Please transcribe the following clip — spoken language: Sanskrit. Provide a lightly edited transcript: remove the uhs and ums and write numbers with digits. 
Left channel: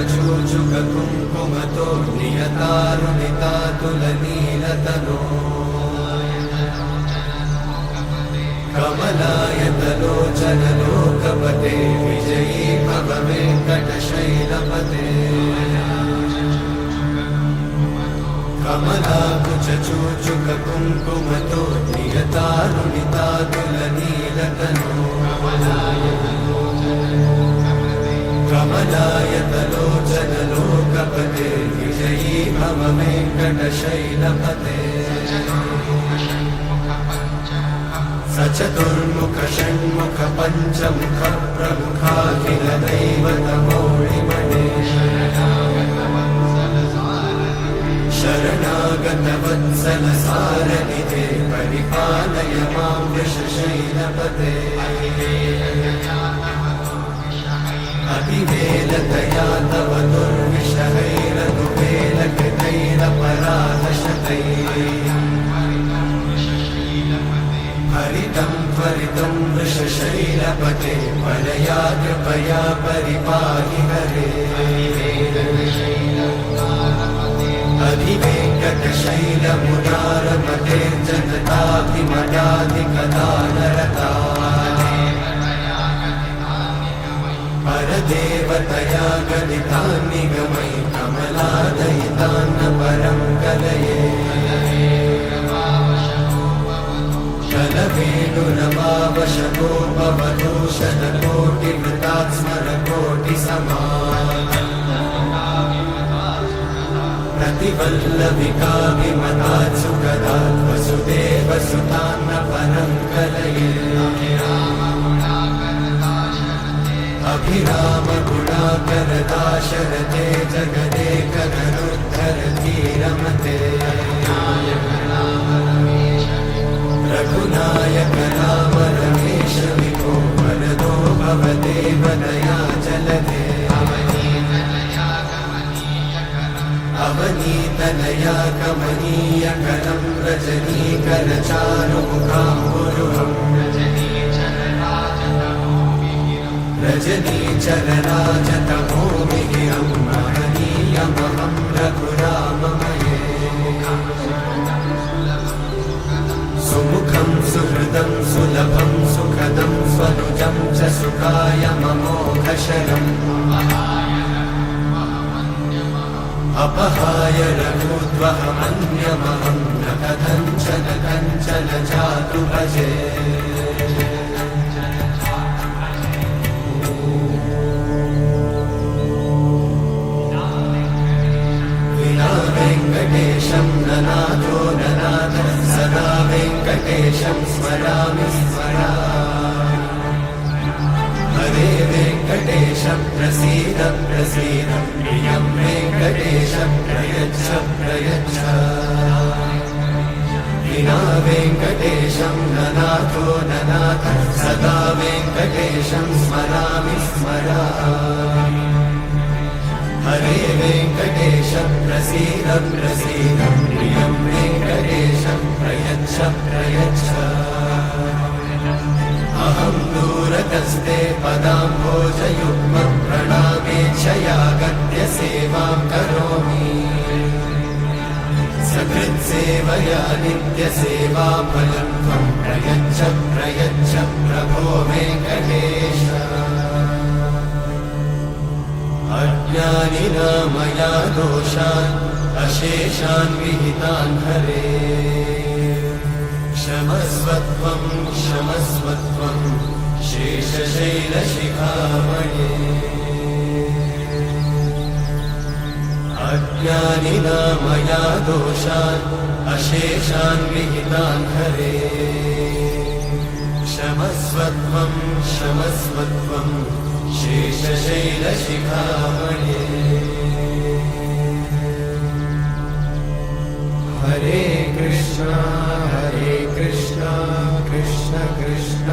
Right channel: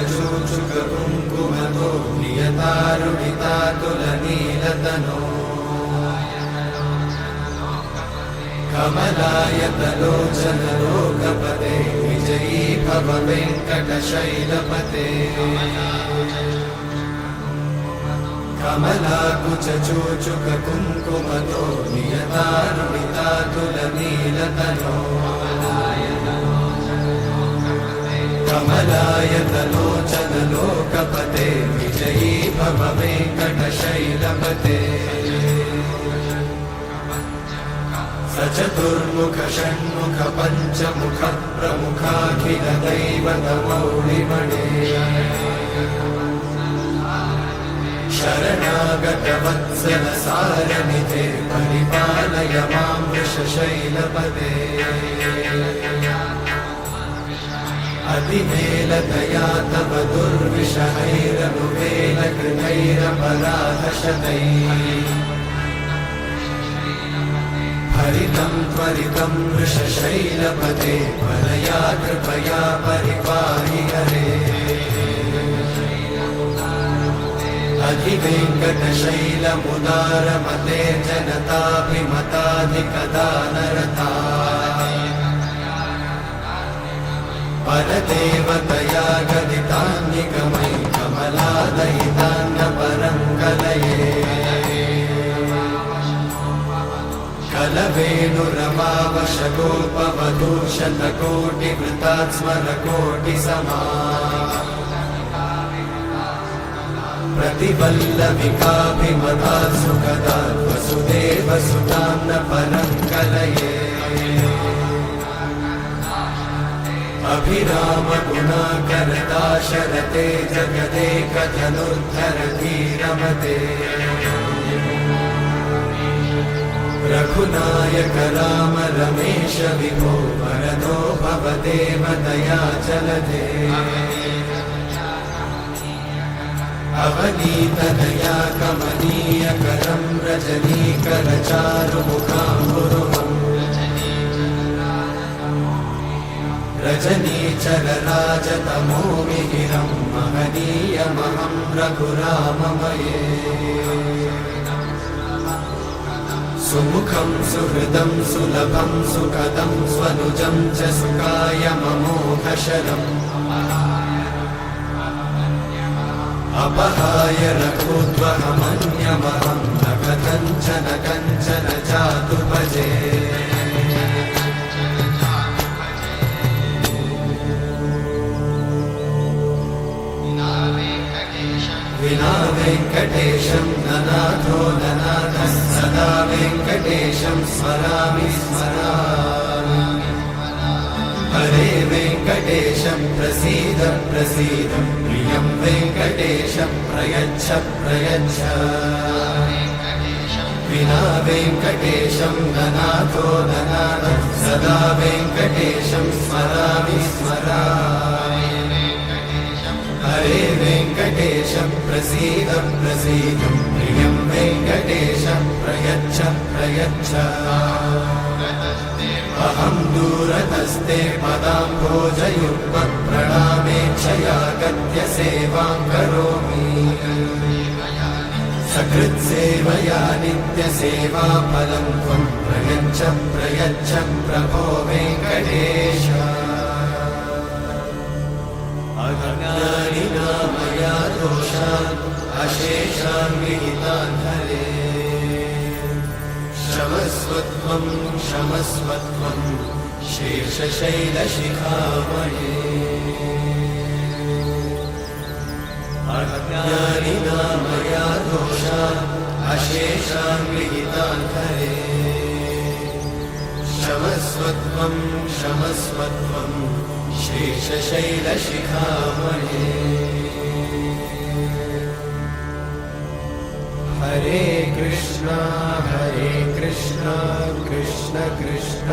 कुचचूचुक कुङ्कुमतो नियतानुनितातुलनीलतनो कमलायतलोचनलोकपते विजयी भव वेङ्कटशैलपते कमलाकुचचूचुक कुङ्कुमतो नियतानुनितातुलनीलतनो कमलायतलोचनलोकपते विजयी भव वेङ्कटशैलपते सचतुर्मुख षण्मुख पञ्चमुख प्रमुखाखिल दैवतमौलिमणे शरणागत वत्सल सारनिधे परिपालय मां वृषशैलपदे अतिवेलतया तव दुर्विषहैरनुवेलकृतैरपराधशतैः हरितं त्वरितं वृषशैलपते परया कृपया परिपाहि हरे अधिवेङ्कटशैलमुदारमते जनताभिमताधिकदानरता परदेवतया गदितान्निगमै कमलादयितान्न परं कलये कलवेणुरमावशतोपवधूषणकोटिवृतात् स्मरकोटिसमा प्रतिवल्लविका विमतात् सुखदात् वसुदेवसुतान्न परं कलये अभिरामगुणाकरदाशरथे जगदेकधनुर्धरधीरमते रघुनायक राम रमेश विभो वरदो भवदेव दयाचलदे अवनीतनया कमनीयकरं रजनीकरचारुमुखाम्बुरुहम् रजनीचरराजतमोमिहिरं महनीयमहं रघुराममये सुमुखं सुहृदं सुलभं सुखदं स्वनुजं च सुखाय ममोघशरम् अपहाय रघुत्वहमन्यमहं न कथञ्चन कञ्चन जातु भजे विना वेङ्कटेशं ननाथो ननाथः सदा वेङ्कटेशं स्मरामि स्मरामि हरे वेङ्कटेशं प्रसीद प्रसीद प्रियं वेङ्कटेशं प्रयच्छ प्रयच्छ विना वेङ्कटेशं ननाथो ननाथः सदा वेङ्कटेशं स्मरामि स्मरामि हरे वेङ्कटेशं प्रसीद प्रसीद प्रियं वेङ्कटेशं प्रयच्छ प्रयच्छ अहं दूरतस्ते पदाम्भोजयुग्मप्रणामेच्छया गद्य सेवां करोमि सकृत्सेवया नित्यसेवाफलं त्वं प्रयच्छ प्रयच्छ प्रभो वेङ्कटेश अज्ञानिना मया दोषान् अशेषान् विहितान् हरे क्षमस्वत्वं क्षमस्वत्वं शेषशैलशिखामणे अज्ञानिना मया दोषान् अशेषान् विहितान् हरे क्षमस्वत्वं क्षमस्वत्वं शेषशैलशिखामणे हरे कृष्णा कृष्ण कृष्ण